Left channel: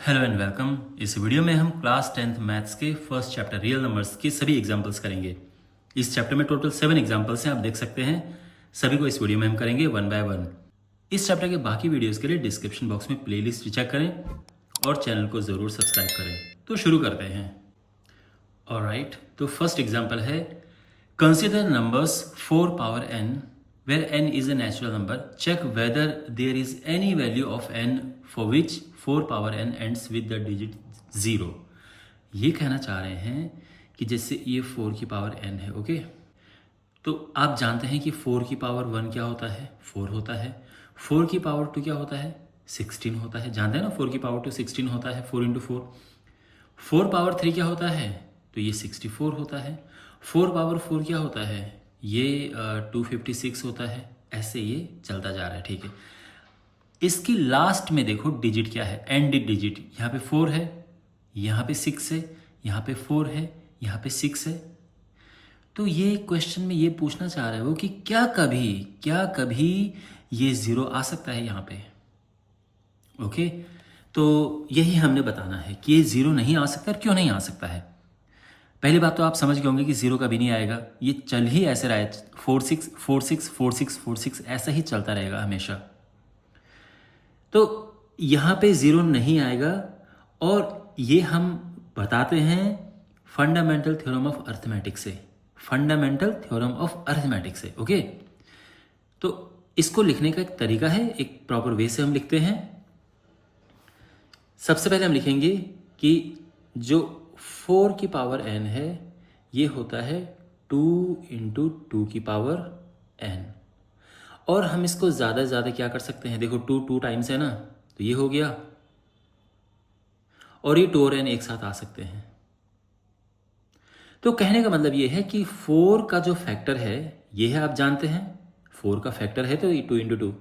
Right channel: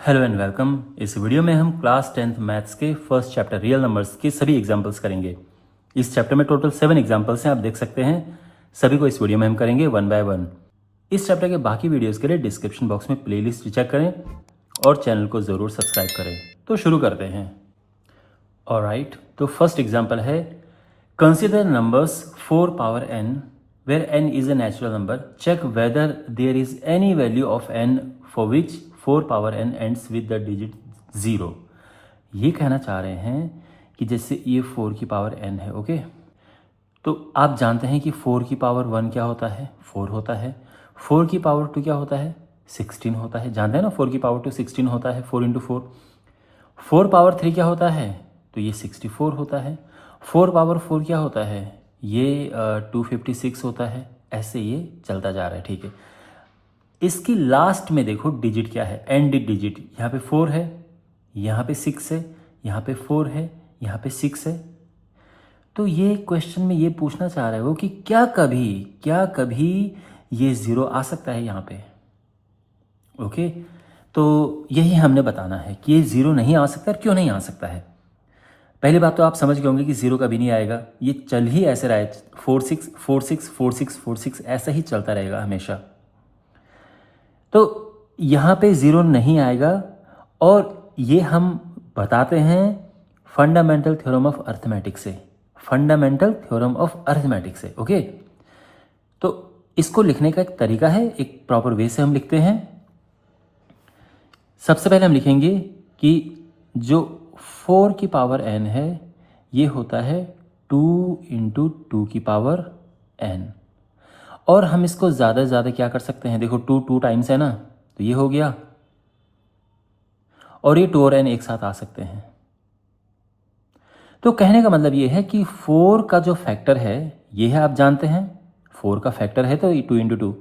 Hello and welcome. इस video में हम क्लास 10th मैथ्स के फर्स्ट चैप्टर रियल नंबर्स के सभी एग्जांपल्स करेंगे। इस चैप्टर में टोटल 7 एग्जांपल्स हैं, आप देख सकते हैं। सभी को इस वीडियो में हम करेंगे वन बाय वन। इस चैप्टर के बाकी वीडियोस के लिए डिस्क्रिप्शन बॉक्स में प्लेलिस्ट चेक करें और चैनल को ज़रूर सब्सक्राइब करें। तो शुरू करते हैं। ऑलराइट, तो फर्स्ट एग्जाम्पल है consider numbers 4 power n where n is a natural number. Check whether there is any value of n for which 4 power n ends with the digit 0. ये कहना चाह रहे हैं कि जैसे ये 4 की पावर n है, ओके। तो आप जानते हैं कि 4 की पावर 1 क्या होता है, 4 होता है। 4 की पावर 2 क्या होता है, 16 होता है। जानते हैं ना, 4 की पावर 2 16 होता है, 4 इंटू 4। 4 पावर 3 क्या होता है, तो ये 64 होता है। 4 पावर 4 क्या होता है, ये 256 होता है। ऐसे ये चलता जा रहा है, ठीक है। इसकी लास्ट में देखो डिजिट क्या है, एंड डिजिट। यहाँ पे 4 है, यहाँ पे 6 है, यहाँ पे 4 है, यहाँ पे 6 है। तो ये क्वेश्चन में ये पूछना चाह रहा है वो कि क्या कभी ये 0 आ सकता है यहाँ पे, ओके। तो यही हमने बताना है कि ये 0 नहीं आ सकता। क्यों नहीं आ सकता है, पहली बात तो आप समझ गए होंगे कि 0 कभी नहीं आएगा। ये चल ही ऐसे रहा है, 4 6 4 6 4 6 4 6 ऐसा ही चलता रहेगा हमेशा। तो यहाँ पे 0 नहीं आएगा। और ये हम बताते हैं फंडामेंटल थ्योरम ऑफ अर्थमेटिक से, फंडामेंटल थ्योरम ऑफ अर्थमेटिक से, ओके। तो इसको लिखने का एक तरीका है, एक प्रॉपर वे से हम लिखते हैं। सबसे पहले हम लिखेंगे कि जो 4 की पावर n है ये होता है 2 इंटू 2 की पावर n। और हम इसको ज़्यादा से ज़्यादा क्या कर सकते हैं, देखो 2 टाइम्स है ना, तो ये हो गया। और ये 2 और n एक साथ आ सकते हैं। तो कहने का मतलब ये है कि 4 का जो फैक्टर है ये है, आप जानते हैं 4 का फैक्टर है तो 2 इंटू 2।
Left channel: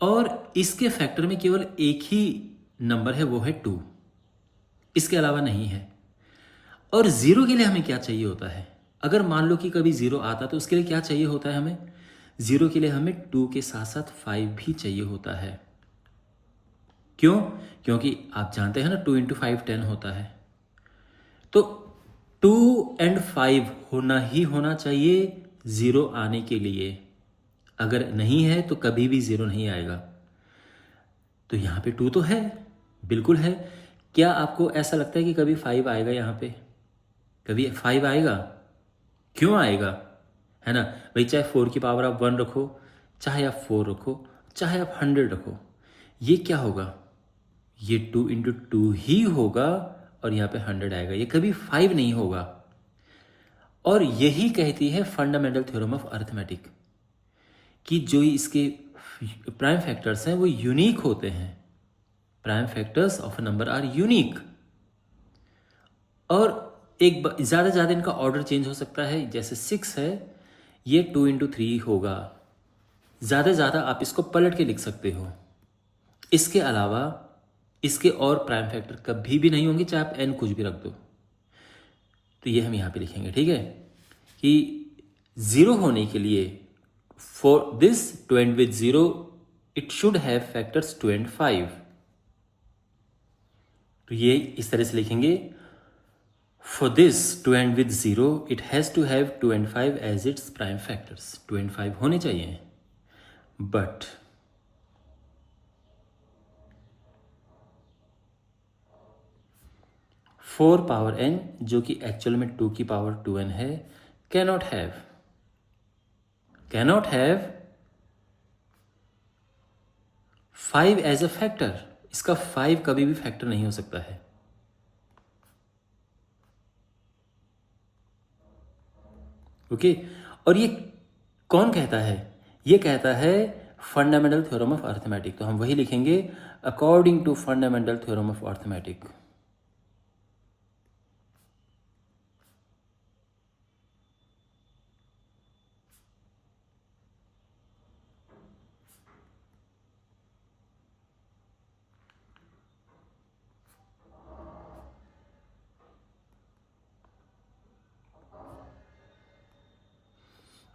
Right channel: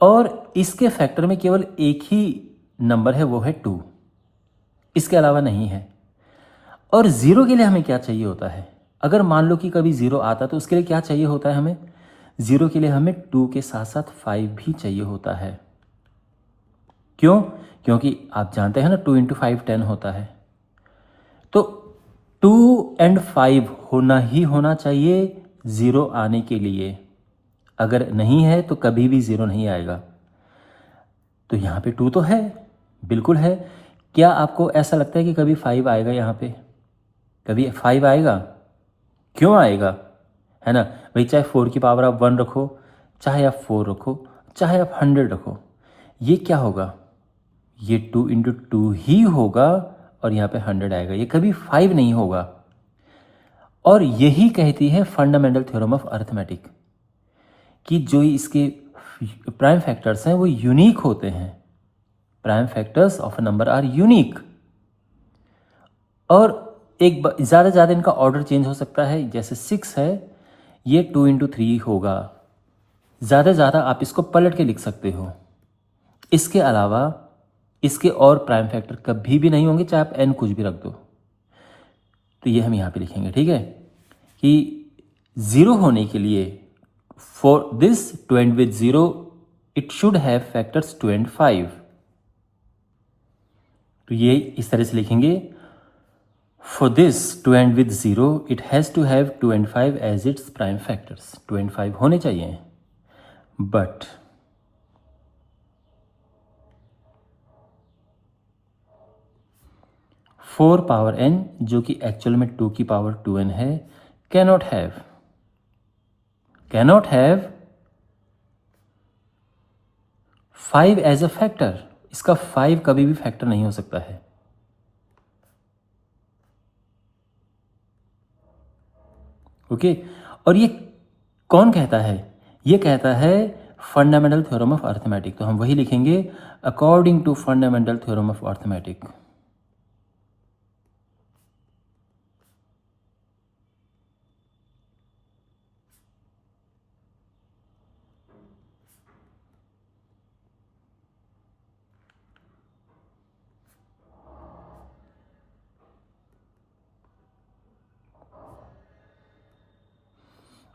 और इसके फैक्टर में केवल एक ही नंबर है, वो है 2, इसके अलावा नहीं है। और 0 के लिए हमें क्या चाहिए होता है, अगर मान लो कि कभी 0 आता तो उसके लिए क्या चाहिए होता है हमें, 0 के लिए हमें 2 के साथ साथ 5 भी चाहिए होता है। क्यों, क्योंकि आप जानते हैं ना 2 इंटू 5 10 होता है। तो 2 एंड 5 होना चाहिए 0 आने के लिए। अगर नहीं है तो कभी भी 0 नहीं आएगा। तो यहाँ पे 2 तो है, बिल्कुल है। क्या आपको ऐसा लगता है कि कभी 5 आएगा, यहाँ पे कभी 5 आएगा? क्यों आएगा, है ना भाई। चाहे 4 की पावर आप 1 रखो, चाहे आप 4 रखो, चाहे आप 100 रखो, ये क्या होगा, ये 2 इंटू 2 ही होगा और यहाँ पे 100 आएगा, ये कभी 5 नहीं होगा। और यही कहती है फंडामेंटल थ्योरम ऑफ अर्थमेटिक कि जो इसके प्राइम फैक्टर्स हैं वो यूनिक होते हैं। Prime factors of a number are unique. और एक ज़्यादा ज़्यादा इनका ऑर्डर चेंज हो सकता है। जैसे 6 है, ये 2 इंटू 3 होगा। ज़्यादा ज़्यादा आप इसको पलट के लिख सकते हो। इसके अलावा इसके और प्राइम फैक्टर कभी भी नहीं होंगे, चाहे आप n कुछ भी रख दो। तो ये हम यहाँ पे लिखेंगे, ठीक है, कि 0 होने के लिए for this to end with 0 it should have factors 2 and 5। तो ये इस तरह से लिखेंगे, for this to end with 0 it has to have 2 and 5 as its prime factors। 2 and 5 होने चाहिए। बट फोर पावर n जो कि एक्चुअल में 2 की पावर 2n है cannot have 5 as a factor. इसका 5 कभी भी फैक्टर नहीं हो सकता है। ओके और ये कौन कहता है, ये कहता है फंडामेंटल थ्योरम ऑफ अर्थमेटिक। तो हम वही लिखेंगे, according to fundamental theorem of arithmetic.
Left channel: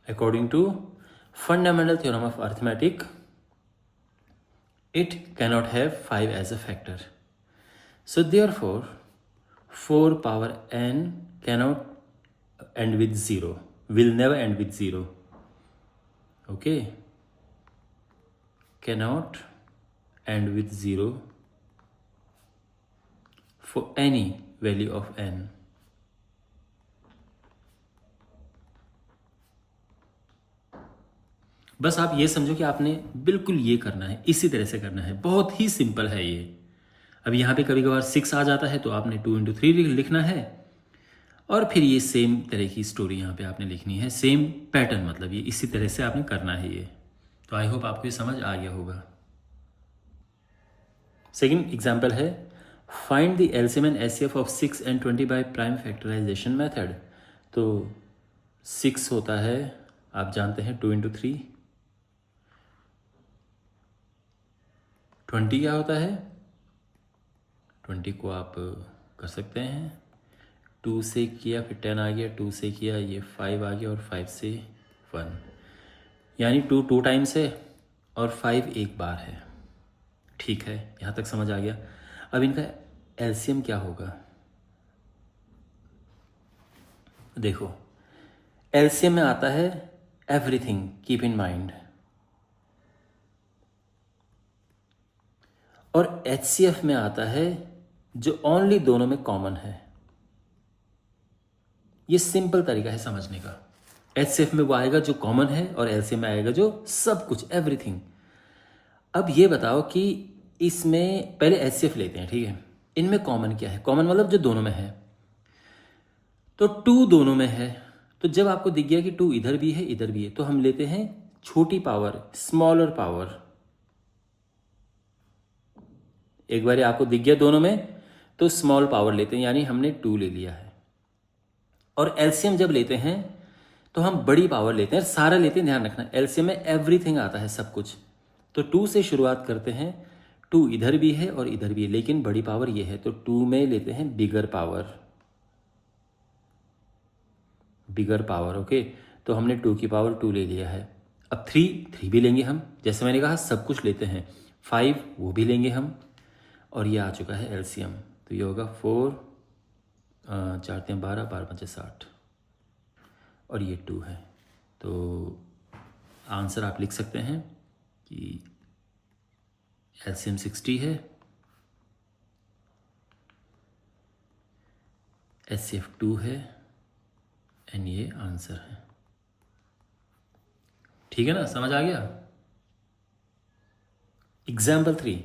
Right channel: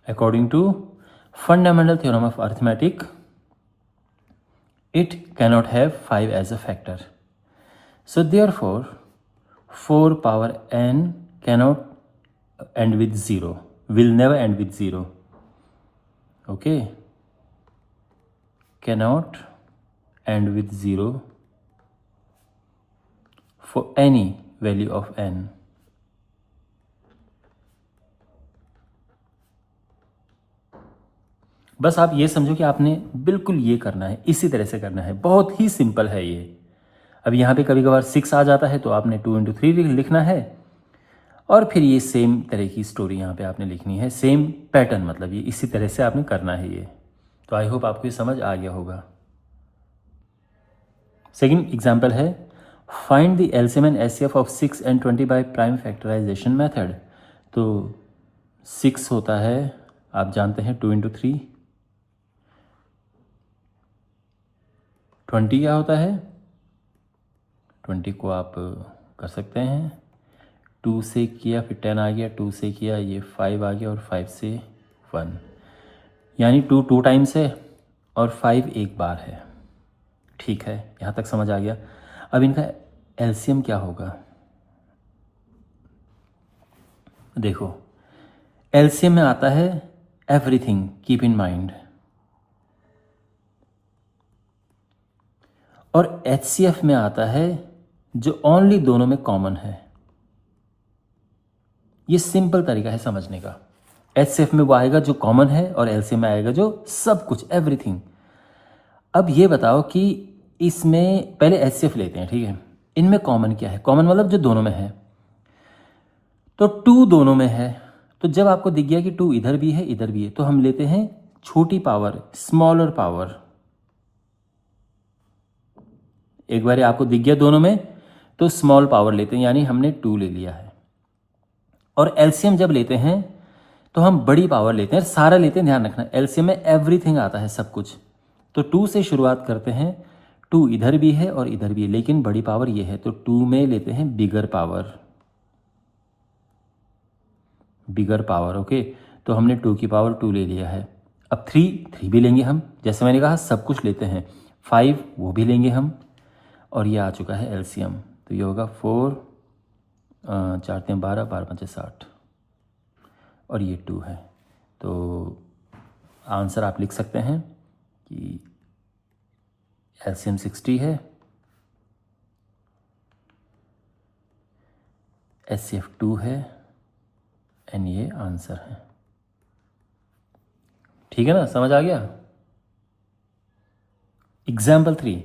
According to fundamental theorem of arithmetic, it cannot have 5 as a factor। So therefore 4 power n cannot end with 0, will never end with 0. Okay, cannot end with 0 for any value of n. बस आप ये समझो कि आपने बिल्कुल ये करना है, इसी तरह से करना है, बहुत ही सिंपल है ये। अब यहाँ पे कभी कभार 6 आ जाता है तो आपने 2 into 3 लिखना है और फिर ये सेम तरह की स्टोरी यहाँ पे आपने लिखनी है, सेम पैटर्न, मतलब ये इसी तरह से आपने करना है ये। तो आई होप आपको ये समझ आ गया होगा। सेकंड एग्जांपल है find the LCM and HCF of 6 and 20 by prime factorisation method. तो 6 होता है, आप जानते हैं 2 into 3, 20 क्या होता है, 20 को आप कर सकते हैं 2 से किया, फिर 10 आ गया, 2 से किया, ये 5 आ गया और 5 से 1, यानी 2 टाइम्स है और 5 एक बार है। ठीक है, यहाँ तक समझ आ गया। अब इनका एलसीएम क्या होगा, देखो एलसीएम में आता है एवरीथिंग, कीप इन माइंड, और एचसीएफ में आता है जो ओनली दोनों में कॉमन है। ये सिंपल तरीका है समझने का। एचसीएफ में वो आएगा जो कॉमन है और एलसीएम में आएगा जो सब कुछ, एवरीथिंग। अब ये बताओ कि इसमें पहले एचसीएफ लेते हैं, ठीक है, इनमें कॉमन क्या है, कॉमन मतलब जो दोनों में है, तो 2 दोनों में है। तो जब आपको दिख गया कि 2 इधर भी है इधर भी है, तो हम लेते हैं छोटी पावर, स्मॉलर पावर। एक बार आपको दिख गया दोनों में तो स्मॉल पावर लेते हैं, यानी हमने 2 ले लिया है। और एलसीएम जब लेते हैं तो हम बड़ी पावर लेते हैं, सारा लेते हैं, ध्यान रखना एलसीएम में एवरीथिंग आता है, सब कुछ। तो 2 से शुरुआत करते हैं, 2 इधर भी है और इधर भी है, लेकिन बड़ी पावर ये है, तो 2 में लेते हैं बिगर पावर, बिगर पावर। ओके, तो हमने 2 की पावर 2 ले लिया है। अब 3 भी लेंगे हम, जैसे मैंने कहा सब कुछ लेते हैं। 5 वो भी लेंगे हम, और ये आ चुका है एलसीएम। तो ये होगा 4 4 3 12 12 5 60 और ये 2 है। तो आंसर आप लिख सकते हैं कि एलसीएम 60 है, एचसीएफ 2 है, एंड ये आंसर है। ठीक है ना, समझ आ गया। Example 3,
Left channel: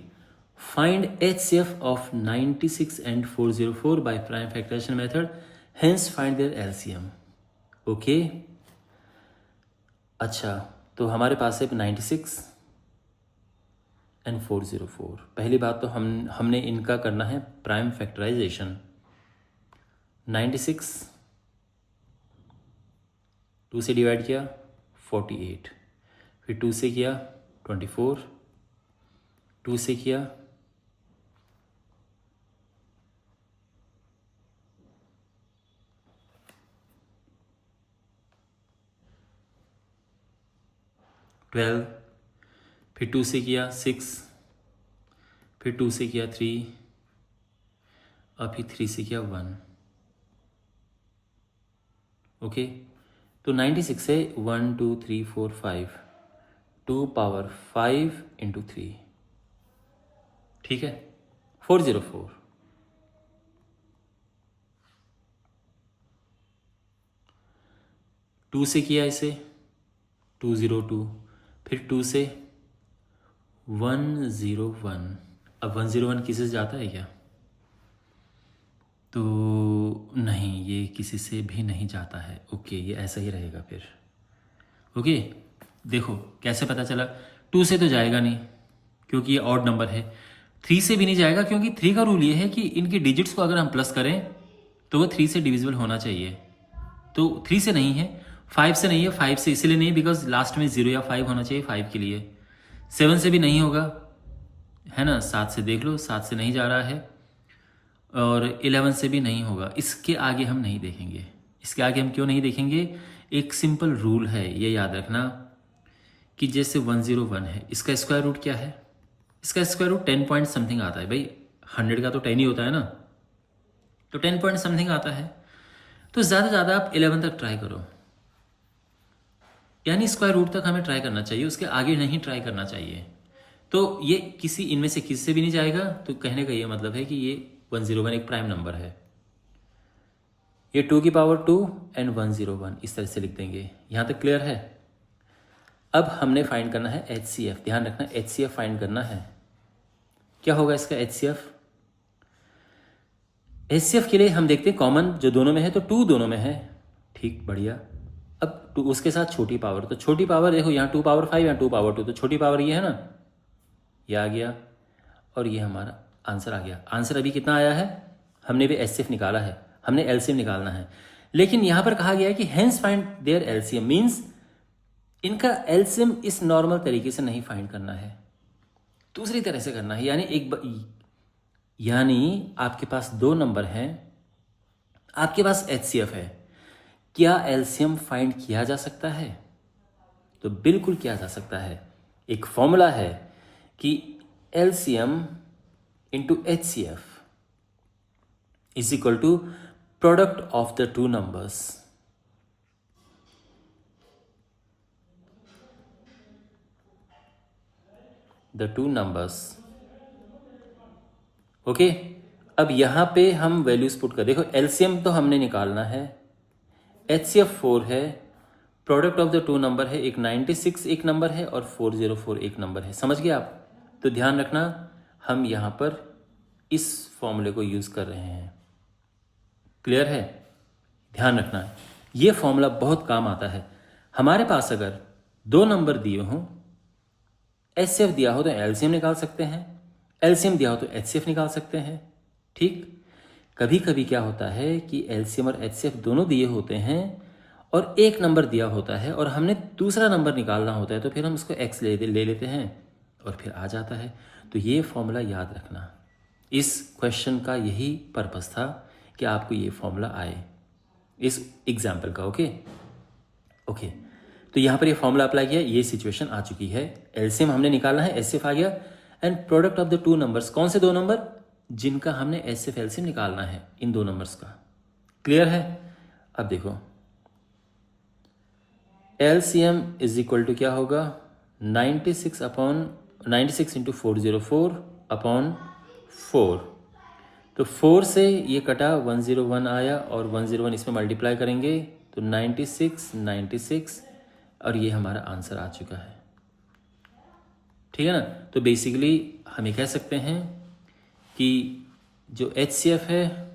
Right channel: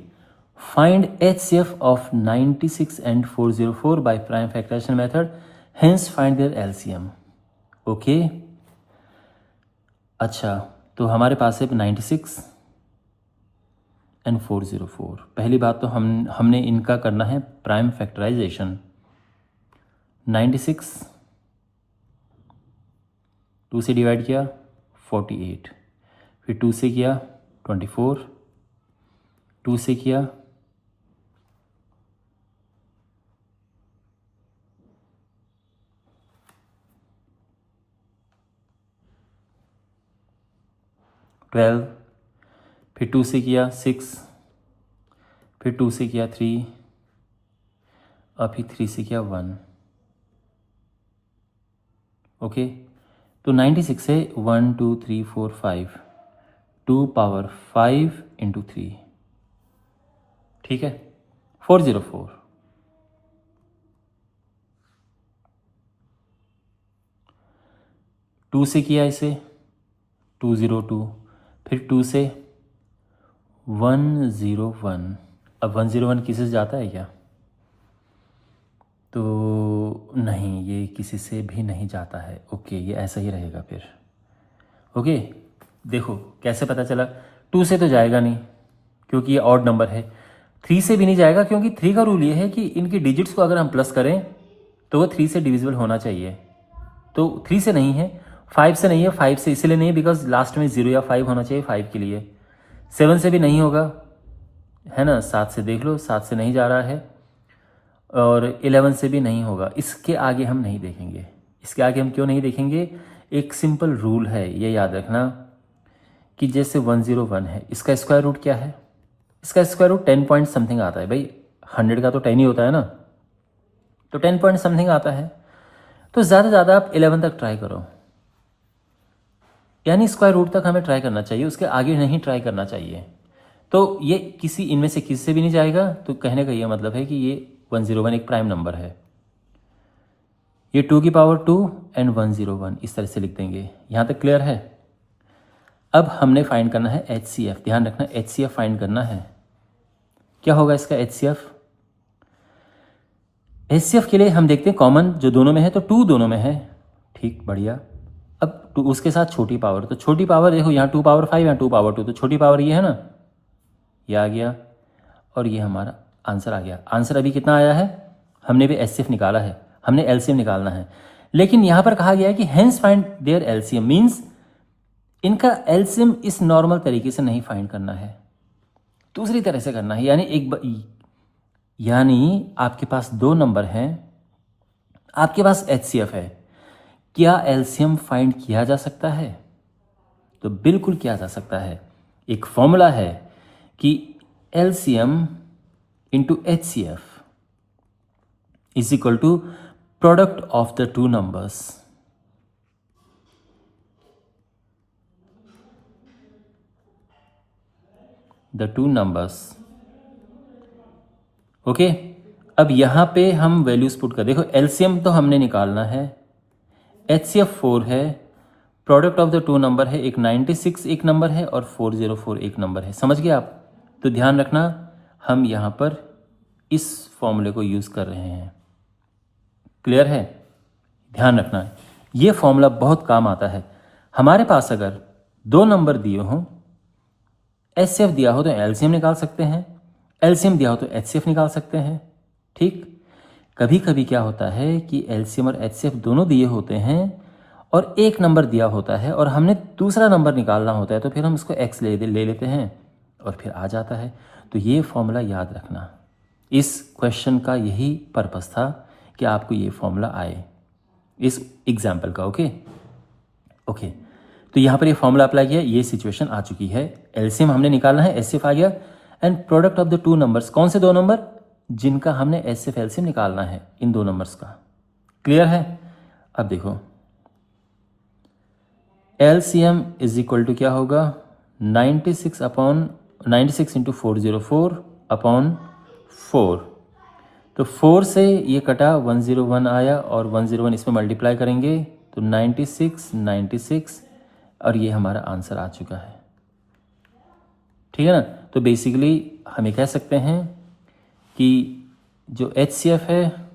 find HCF of 96 and 404 by prime factorization method, hence find their LCM। Okay, अच्छा, तो हमारे पास है 96 and 404। पहली बात तो हमने इनका करना है प्राइम फैक्टराइजेशन। 96 2 से डिवाइड किया 48, फिर 2 से किया 24, 2 से किया 12, फिर 2 से किया 6, फिर 2 से किया 3, और फिर 3 से किया 1। ओके, तो 96 से 1 2 3 4 5, 2 पावर 5 इंटू 3, ठीक है, 404। टू से किया इसे 202, फिर 2 से 101। अब 101 किसी से जाता है क्या? तो नहीं, ये किसी से भी नहीं जाता है। ओके, ये ऐसा ही रहेगा फिर। ओके, देखो कैसे पता चला। 2 से तो जाएगा नहीं क्योंकि ये ऑड नंबर है। 3 से भी नहीं जाएगा क्योंकि 3 का रूल ये है कि इनकी डिजिट्स को अगर हम प्लस करें तो वो 3 से डिविजिबल होना चाहिए। तो 3 से नहीं है, 5 से नहीं है। 5 से इसलिए नहीं बिकॉज लास्ट में 0 या 5 होना चाहिए 5 के लिए। 7 से भी नहीं होगा, है ना। 7 से देख लो, 7 से नहीं जा रहा है, और 11 से भी नहीं होगा। इसके आगे हम नहीं देखेंगे। इसके आगे हम क्यों नहीं देखेंगे? एक सिंपल रूल है, ये याद रखना कि जैसे 101 है, इसका स्क्वायर रूट क्या है? इसका स्क्वायर रूट 10 पॉइंट समथिंग आता है भाई। 100 का तो 10 ही होता है ना, तो 10 पॉइंट समथिंग आता है। तो ज़्यादा से ज़्यादा आप 11 तक ट्राई करो, यानी स्क्वायर रूट तक हमें ट्राई करना चाहिए, उसके आगे नहीं ट्राई करना चाहिए। तो ये किसी इनमें से किसी से भी नहीं जाएगा, तो कहने का ये मतलब है कि ये 101 एक प्राइम नंबर है। ये 2 की पावर 2 एंड 101 इस तरह से लिख देंगे। यहाँ तक क्लियर है। अब हमने फाइंड करना है HCF। ध्यान रखना HCF फाइंड करना है। क्या होगा इसका HCF? HCF के लिए हम देखते हैं कॉमन जो दोनों में है, तो 2 दोनों में है, ठीक, बढ़िया। अब 2 उसके साथ छोटी पावर, तो छोटी पावर देखो यहाँ 2 पावर 5, यहाँ 2 पावर 2, तो छोटी पावर ये है ना, ये आ गया और ये हमारा आंसर आ गया। आंसर अभी कितना आया है? हमने भी HCF निकाला है, हमने LCM निकालना है, लेकिन यहाँ पर कहा गया है कि hence find their LCM, means इनका LCM इस नॉर्मल तरीके से नहीं फाइंड करना है, दूसरी तरह से करना है। यानी आपके पास 2 नंबर हैं, आपके पास HCF है, क्या LCM फाइंड किया जा सकता है? तो बिल्कुल किया जा सकता है। एक फॉर्मूला है कि LCM into HCF is equal to product of the 2 numbers. The 2 numbers, okay. अब यहां पे हम वैल्यूज पुट कर, देखो LCM तो हमने निकालना है, HCF 4 है, प्रोडक्ट ऑफ द 2 नंबर है, एक 96 एक नंबर है और 404 एक नंबर है। समझ गए आप? तो ध्यान रखना हम यहां पर इस फॉर्मूले को यूज कर रहे हैं। क्लियर है? ध्यान रखना ये फॉर्मूला बहुत काम आता है। हमारे पास अगर 2 नंबर दिए हों, HCF दिया हो तो LCM निकाल सकते हैं, LCM दिया हो तो HCF निकाल सकते हैं, ठीक। कभी कभी क्या होता है कि LCM और HCF दोनों दिए होते हैं और एक नंबर दिया होता है और हमने दूसरा नंबर निकालना होता है, तो फिर हम इसको X ले लेते हैं और फिर आ जाता है। तो ये फॉर्मूला याद रखना, इस क्वेश्चन का यही पर्पस था कि आपको ये फॉर्मूला आए इस एग्जाम्पल का। ओके। तो यहाँ पर ये फॉर्मूला अप्लाई किया, ये सिचुएशन आ चुकी है। LCM हमने निकालना है, HCF आ गया, and product of the 2 numbers, कौन से 2 नंबर जिनका हमने HCF LCM निकालना है, इन 2 नंबर्स का। क्लियर है? अब देखो LCM इज इक्वल टू क्या होगा, 96 इंटू 404 अपॉन 4। तो 4 से ये कटा, 101 आया और 101 इसमें मल्टीप्लाई करेंगे तो 96 और ये हमारा आंसर आ चुका है। ठीक है ना? तो बेसिकली हम ये कह सकते हैं कि जो HCF है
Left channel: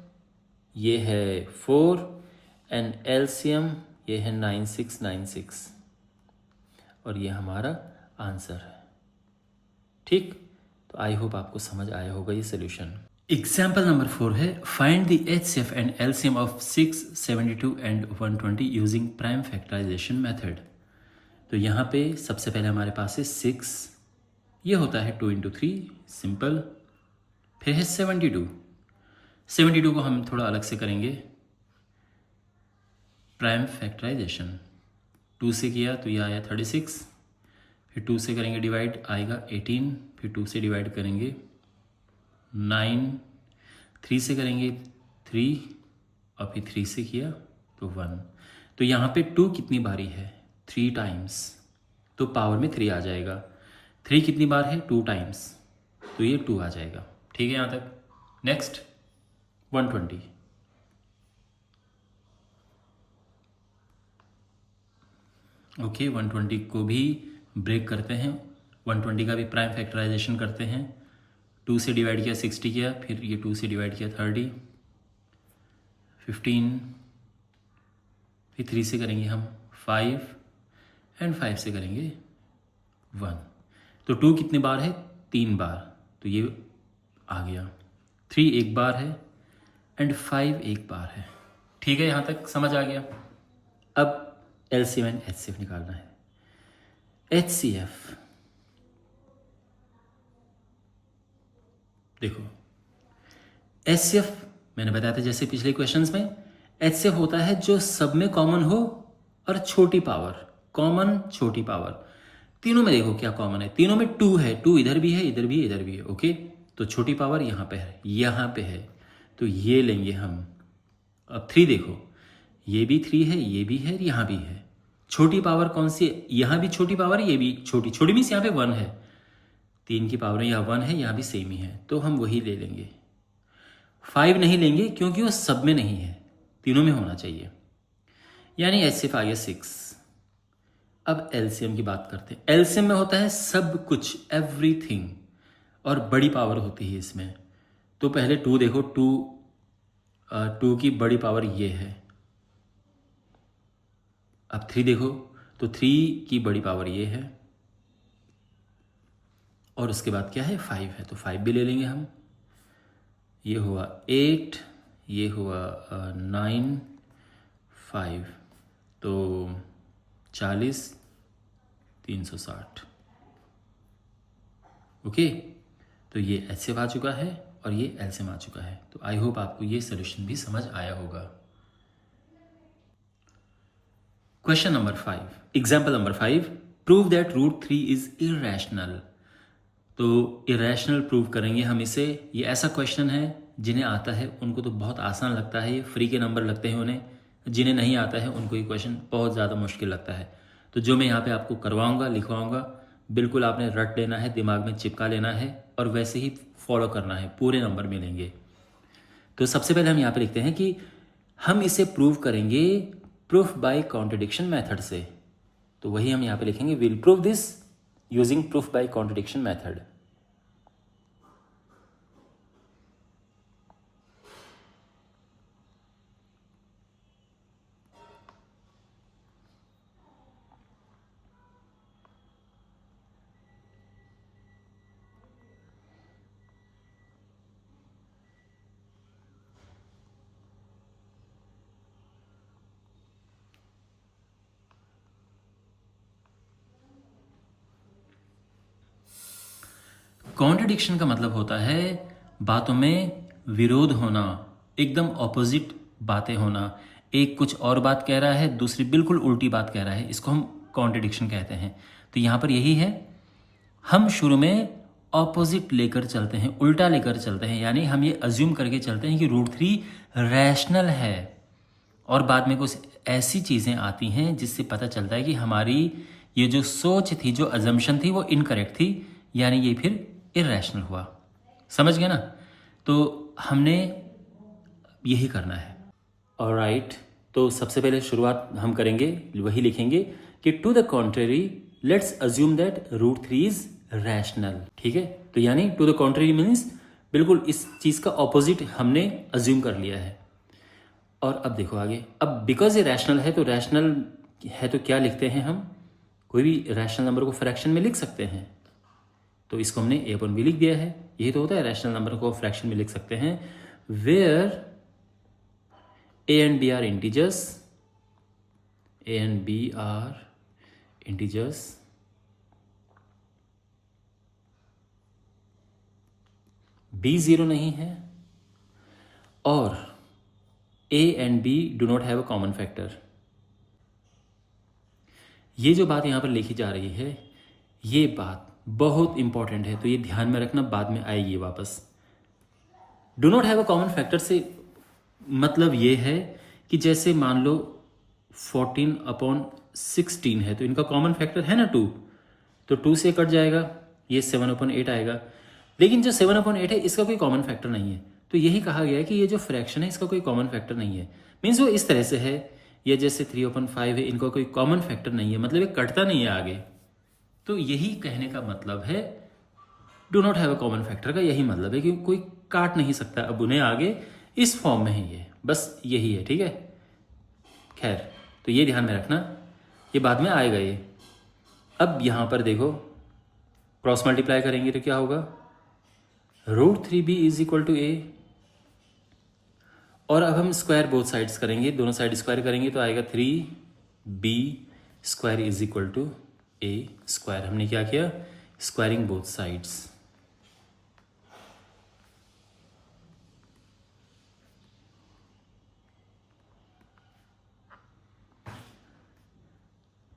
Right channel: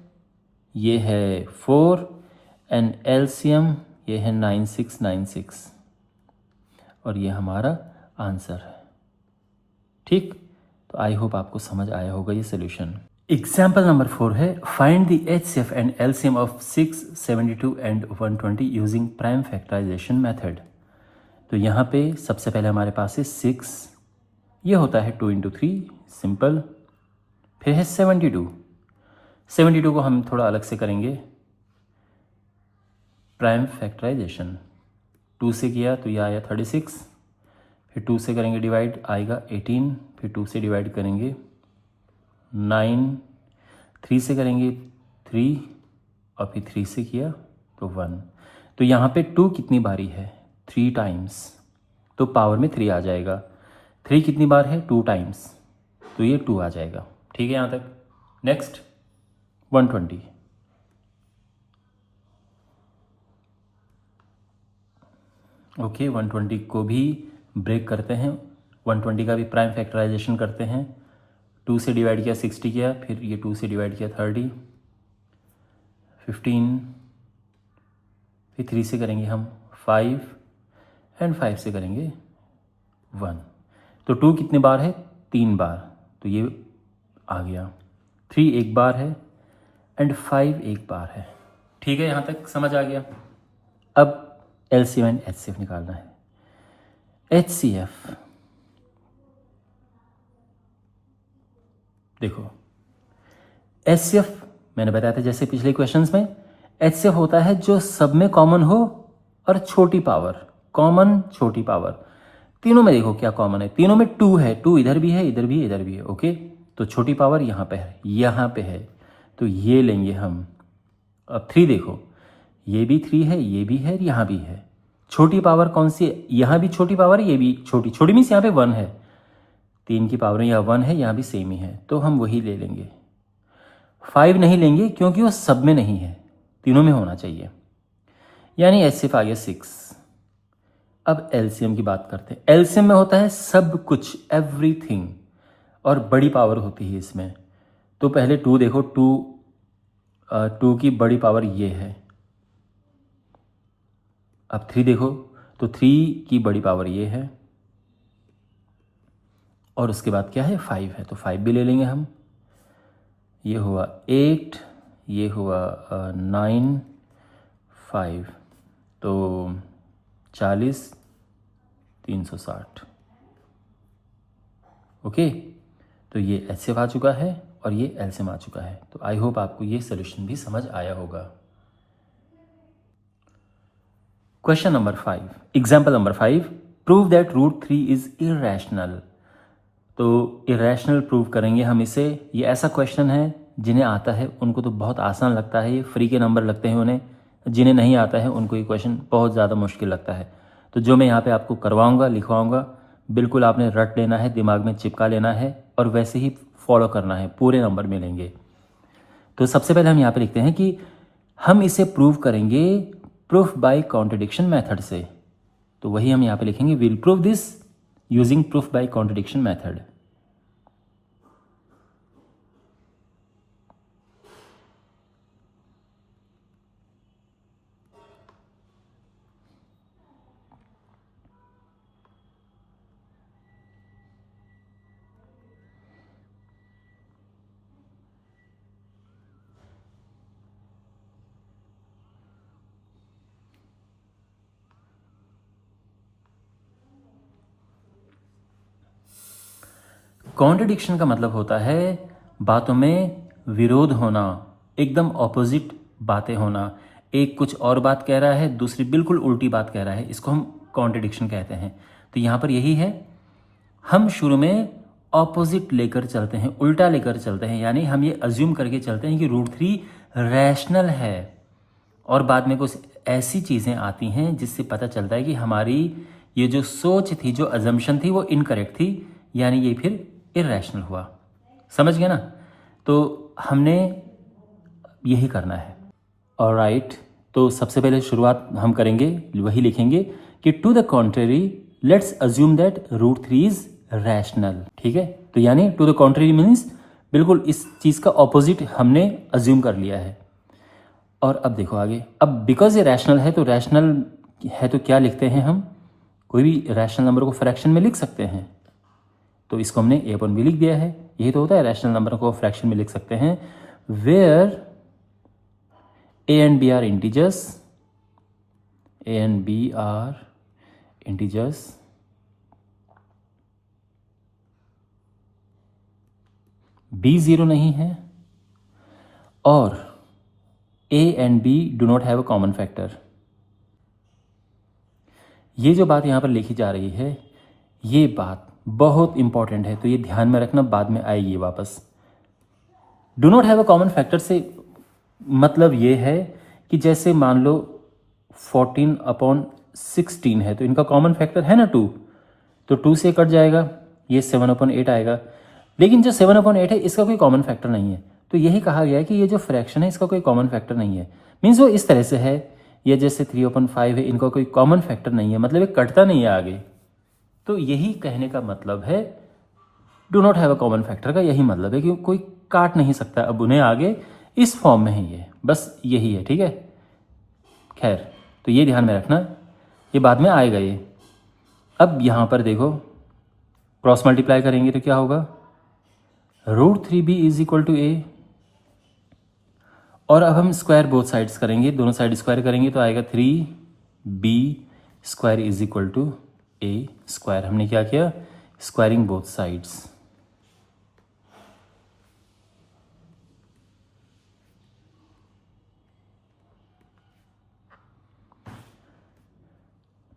ये है 4 एंड LCM ये है 9696 और ये हमारा आंसर है। ठीक, तो आई होप आपको समझ आया होगा ये सोल्यूशन। एग्जाम्पल नंबर 4 है, find the HCF and LCM of 6, 72 and 120 using prime factorisation method. तो यहाँ पे सबसे पहले हमारे पास है 6, ये होता है 2 इंटू 3 सिंपल। फिर है 72 को हम थोड़ा अलग से करेंगे, प्राइम फैक्टराइजेशन। 2 से किया तो ये आया 36, फिर 2 से करेंगे डिवाइड, आएगा 18, फिर 2 से डिवाइड करेंगे 9, 3 से करेंगे 3 और फिर 3 से किया तो 1। तो यहाँ पे 2 कितनी बारी है, 3 टाइम्स, तो पावर में 3 आ जाएगा। 3 कितनी बार है, 2 टाइम्स, तो ये 2 आ जाएगा। ठीक है यहाँ तक। नेक्स्ट 120, ओके 120 को भी ब्रेक करते हैं, 120 का भी प्राइम फैक्टराइजेशन करते हैं। 2 से डिवाइड किया 60 किया, फिर ये 2 से डिवाइड किया 30, 15, फिर 3 से करेंगे हम 5 एंड 5 से करेंगे 1। तो 2 कितने बार है, 3 बार, तो ये आ गया। 3 एक बार है एंड 5 एक बार है। ठीक है, यहाँ तक समझ आ गया। अब LCM एंड HCF निकालना है। HCF देखो, HCF मैंने बताया था जैसे पिछले क्वेश्चंस में, HCF होता है जो सब में कॉमन हो और छोटी पावर, कॉमन छोटी पावर। तीनों में देखो क्या कॉमन है, तीनों में 2 है, 2 इधर भी है, इधर भी है, इधर भी है। ओके, तो छोटी पावर यहाँ पे है, यहाँ पे है, तो ये लेंगे हम। अब 3 देखो, ये भी 3 है, ये भी है, यहाँ भी है। छोटी पावर कौन सी है? यहाँ भी छोटी पावर है, ये भी छोटी। छोटी मीन्स यहाँ पे 1 है, 3 की पावर में यहाँ 1 है, यहाँ भी सेम ही है, तो हम वही ले लेंगे। 5 नहीं लेंगे क्योंकि वो सब में नहीं है, तीनों में होना चाहिए, यानी एच सिर्फ आ गया 6। अब एलसीएम की बात करते हैं। एलसीएम में होता है सब कुछ, एवरीथिंग, और बड़ी पावर होती है इसमें। तो पहले 2 देखो, 2 की बड़ी पावर ये है। अब 3 देखो, तो 3 की बड़ी पावर ये है, और उसके बाद क्या है? 5 है, तो 5 भी ले लेंगे हम। ये हुआ 8, ये हुआ 9, 5, तो 40, 360। ओके, तो ये एचसीएफ आ चुका है और ये एलसीएम आ चुका है। तो आई होप आपको ये सोल्यूशन भी समझ आया होगा। Question number 5, example number 5, prove that root 3 is irrational. तो इरेशनल प्रूव करेंगे हम इसे। ये ऐसा क्वेश्चन है, जिन्हें आता है उनको तो बहुत आसान लगता है, ये फ्री के नंबर लगते हैं उन्हें। जिन्हें नहीं आता है उनको ये क्वेश्चन बहुत ज़्यादा मुश्किल लगता है। तो जो मैं यहाँ पे आपको करवाऊँगा, लिखवाऊँगा, बिल्कुल आपने रट लेना है, दिमाग में चिपका लेना है और वैसे ही फॉलो करना है, पूरे नंबर मिलेंगे। तो सबसे पहले हम यहाँ पे लिखते हैं कि हम इसे प्रूव करेंगे प्रूफ बाय कॉन्ट्रडिक्शन मेथड से। तो वही हम यहाँ पे लिखेंगे, will prove this using proof by contradiction method. Contradiction का मतलब होता है बातों में विरोध होना, एकदम ऑपोजिट बातें होना। एक कुछ और बात कह रहा है, दूसरी बिल्कुल उल्टी बात कह रहा है, इसको हम कॉन्ट्रडिक्शन कहते हैं। तो यहाँ पर यही है, हम शुरू में ऑपोजिट लेकर चलते हैं, उल्टा लेकर चलते हैं, यानी हम ये अज्यूम करके चलते हैं कि रूट 3 रैशनल है, और बाद में कुछ ऐसी चीज़ें आती हैं जिससे पता चलता है कि हमारी ये जो सोच थी, जो अजम्पशन थी, वो इनकरेक्ट थी, यानी ये फिर इरेशनल हुआ। समझ गए ना? तो हमने यही करना है। ऑलराइट, तो सबसे पहले शुरुआत हम करेंगे, वही लिखेंगे कि to the contrary let's assume that root 3 is rational. ठीक है, तो यानी टू द कॉन्ट्रेरी मीन्स बिल्कुल इस चीज़ का ऑपोजिट हमने अज्यूम कर लिया है। और अब देखो आगे, अब बिकॉज ये रैशनल है, तो रैशनल है तो क्या लिखते हैं हम? कोई भी रैशनल नंबर को फ्रैक्शन में लिख सकते हैं, तो इसको हमने a/b लिख दिया है। यही तो होता है, रैशनल नंबर को फ्रैक्शन में लिख सकते हैं। Where a and b are integers, a and b are integers, b 0 नहीं है, और a and b do not have a common factor. ये जो बात यहाँ पर लिखी जा रही है, ये बात बहुत इंपॉर्टेंट है, तो ये ध्यान में रखना, बाद में आएगी वापस। Do not have a common factor से मतलब ये है कि जैसे मान लो 14/16 है, तो इनका कॉमन फैक्टर है ना 2, तो 2 से कट जाएगा, ये 7/8 आएगा। लेकिन जो 7/8 है इसका कोई कॉमन फैक्टर नहीं है, तो यही कहा गया है कि ये जो फ्रैक्शन है इसका कोई कॉमन फैक्टर नहीं है। मीन्स वो इस तरह से है, ये जैसे 3/5 है, इनका कोई कॉमन फैक्टर नहीं है, मतलब ये कटता नहीं है आगे। तो यही कहने का मतलब है do not have a common factor का, यही मतलब है कि कोई काट नहीं सकता अब उन्हें आगे, इस फॉर्म में है ये, बस यही है। ठीक है, खैर, तो ये ध्यान में रखना, ये बाद में आएगा ये। अब यहाँ पर देखो, क्रॉस मल्टीप्लाई करेंगे तो क्या होगा? Root 3b is equal to a, और अब हम स्क्वायर बोथ साइड्स करेंगे, दोनों साइड स्क्वायर करेंगे तो आएगा 3b square is equal to a square. हमने क्या किया? Squaring both sides.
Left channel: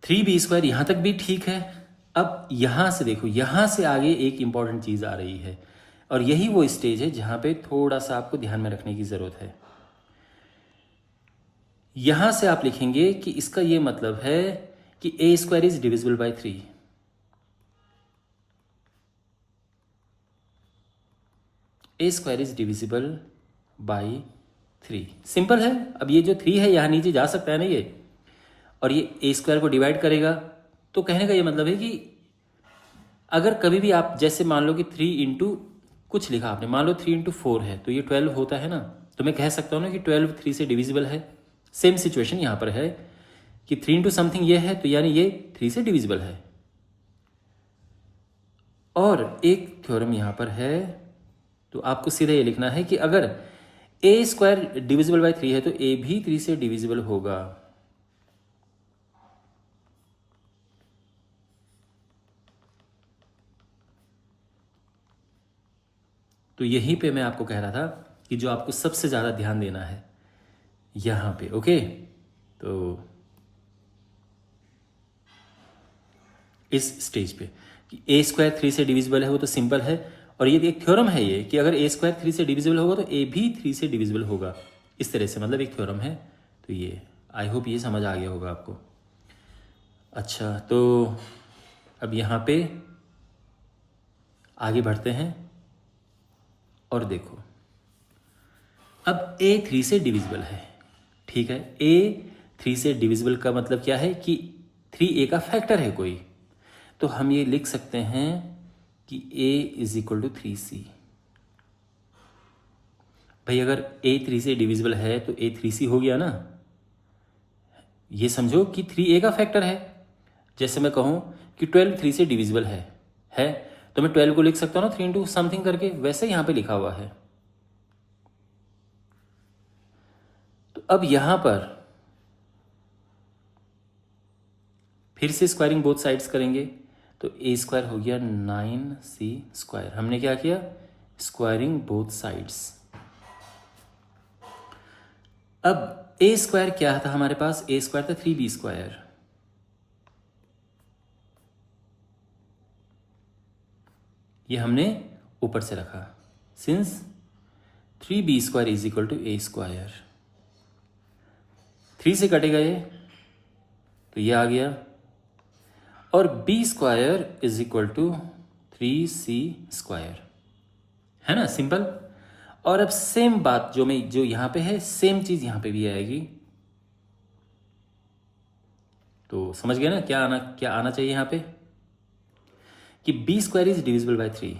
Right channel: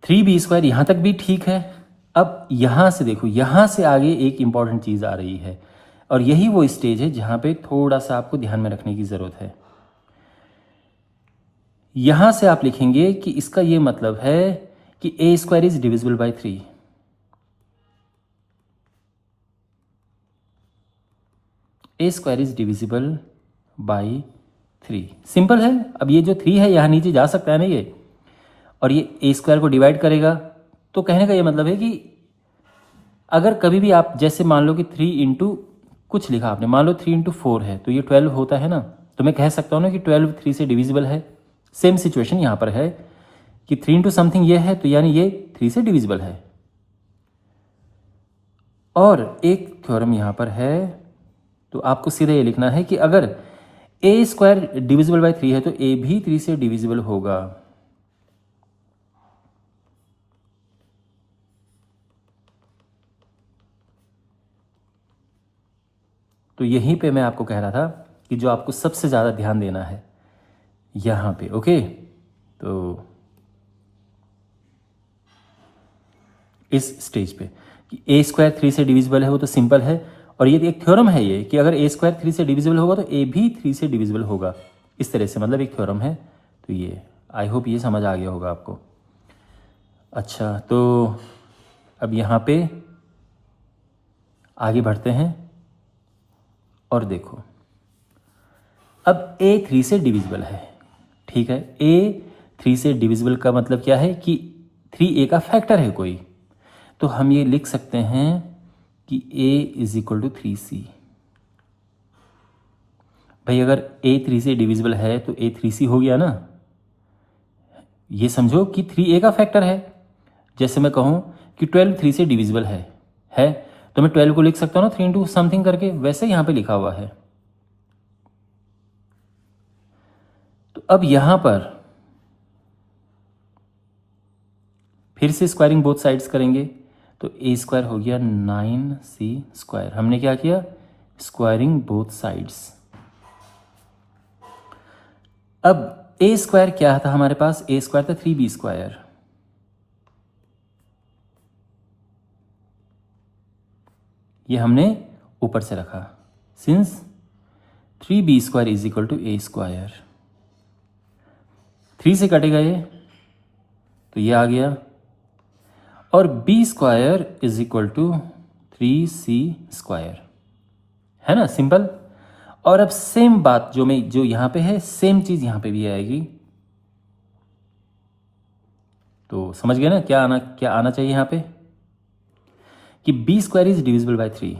Three B square यहां तक भी ठीक है। अब यहां से देखो, यहां से आगे एक इंपॉर्टेंट चीज आ रही है। और यही वो स्टेज है जहाँ पे थोड़ा सा आपको ध्यान में रखने की ज़रूरत है। यहाँ से आप लिखेंगे कि इसका ये मतलब है कि a square is divisible by 3। A square is divisible by 3, simple है। अब ये जो 3 है यहाँ नीचे जा सकता है ना ये, और ये ए स्क्वायर को डिवाइड करेगा। तो कहने का ये मतलब है कि अगर कभी भी आप जैसे मान लो कि 3 इंटू कुछ लिखा आपने, मान लो 3 इंटू 4 है तो ये 12 होता है ना, तो मैं कह सकता हूँ ना कि 12 3 से डिविजिबल है। सेम सिचुएशन यहाँ पर है कि 3 इंटू समथिंग ये है तो यानी ये 3 से डिविजिबल है। और एक थ्योरम यहाँ पर है, तो आपको सीधे ये लिखना है कि अगर ए स्क्वायर डिविजिबल बाय 3 है तो ए भी 3 से डिविजिबल होगा। तो यहीं पे मैं आपको कह रहा था कि जो आपको सबसे ज़्यादा ध्यान देना है यहाँ पे, ओके। तो इस स्टेज पे कि ए स्क्वायर 3 से डिविजिबल है, वो तो सिंपल है। और ये एक थ्योरम है ये कि अगर ए स्क्वायर 3 से डिविजिबल होगा तो ए भी 3 से डिविजिबल होगा। इस तरह से मतलब एक थ्योरम है। तो ये आई होप ये समझ आ गया होगा आपको। अच्छा, तो अब यहाँ पे आगे बढ़ते हैं और देखो, अब ए 3 से डिविजिबल है, ठीक है। ए 3 से डिविजिबल का मतलब क्या है कि 3 ए का फैक्टर है कोई। तो हम ये लिख सकते हैं कि a is equal to 3c। भाई अगर a 3 से डिविजिबल है तो a 3c हो गया ना। ये समझो कि 3a का फैक्टर है। जैसे मैं कहूं कि 12 3 से डिविजिबल है तो मैं 12 को लिख सकता हूं ना 3 इंटू समथिंग करके, वैसे यहां पे लिखा हुआ है। तो अब यहां पर फिर से स्क्वायरिंग बोथ साइड्स करेंगे तो ए स्क्वायर हो गया 9c स्क्वायर। हमने क्या किया, स्क्वायरिंग बोथ साइड्स। अब ए स्क्वायर क्या था हमारे पास, ए स्क्वायर था 3b स्क्वायर। ये हमने ऊपर से रखा since 3b square is equal to A square. 3 से कटेगा ये तो ये आ गया, और b square is equal to 3c square, है ना, सिंपल। और अब सेम बात जो यहां पे है सेम चीज यहां पे भी आएगी। तो समझ गए ना क्या आना चाहिए यहां पे कि b square is divisible by 3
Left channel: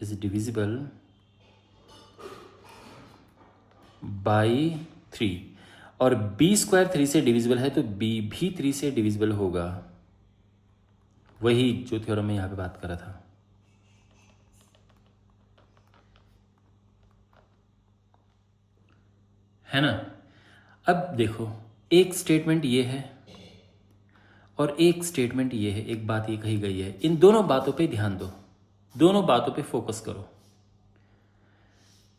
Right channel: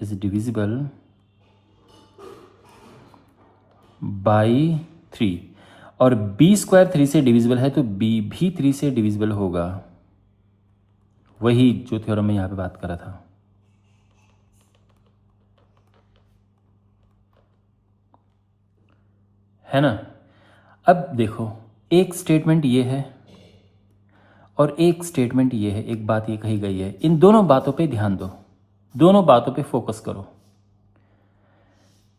is divisible by 3, और b स्क्वायर 3 से डिविजिबल है तो b भी 3 से डिविजिबल होगा। वही जो थ्योरम में यहां पे बात कर रहा था। है ना। अब देखो, एक स्टेटमेंट ये है और एक स्टेटमेंट ये है, एक बात ये कही गई है। इन दोनों बातों पे ध्यान दो, दोनों बातों पे फोकस करो।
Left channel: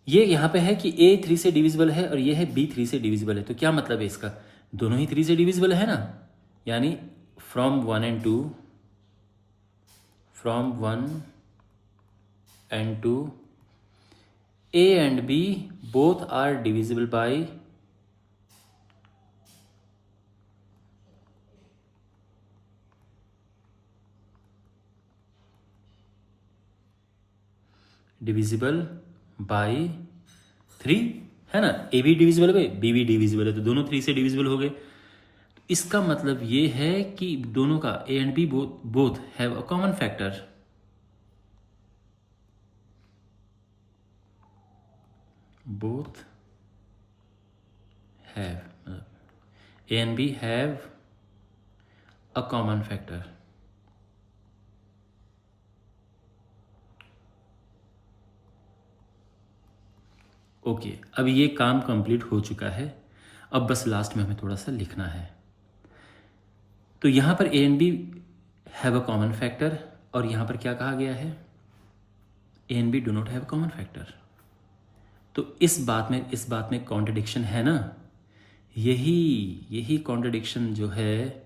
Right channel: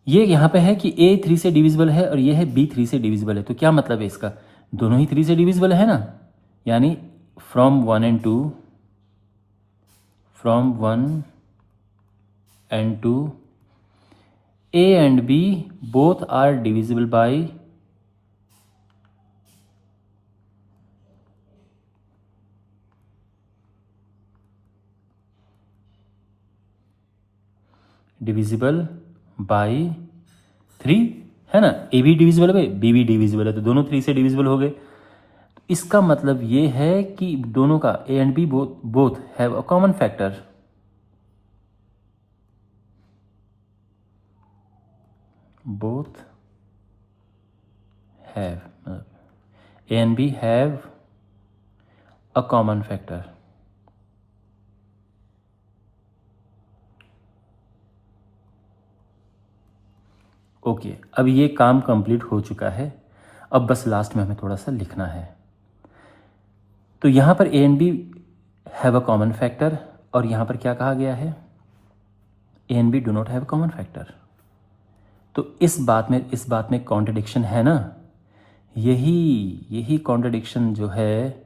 ये यहां पे है कि a 3 से डिविजिबल है और ये है b 3 से डिविजिबल है। तो क्या मतलब है इसका, दोनों ही 3 से डिविजिबल है ना। यानी from 1 and 2, from 1 and 2 a and b both are divisible by divisible by 3, है ना। ए भी डिविजिबल है, बी भी डिविजिबल है, तो दोनों 3 से डिविजिबल हो गए। इसका मतलब ये है कि दोनों का A and B both have a common factor. Both have, A and B have a common factor. Okay, अब ये काम कंप्लीट हो चुका है। अब बस लास्ट में हमें थोड़ा सा लिखना है। तो यहां पर A and B have a common factor, और यहां पर क्या कहा गया है, A and B do not have common factor. तो इस बात में कॉन्ट्रडिक्शन है ना। यही कॉन्ट्रडिक्शन जो है,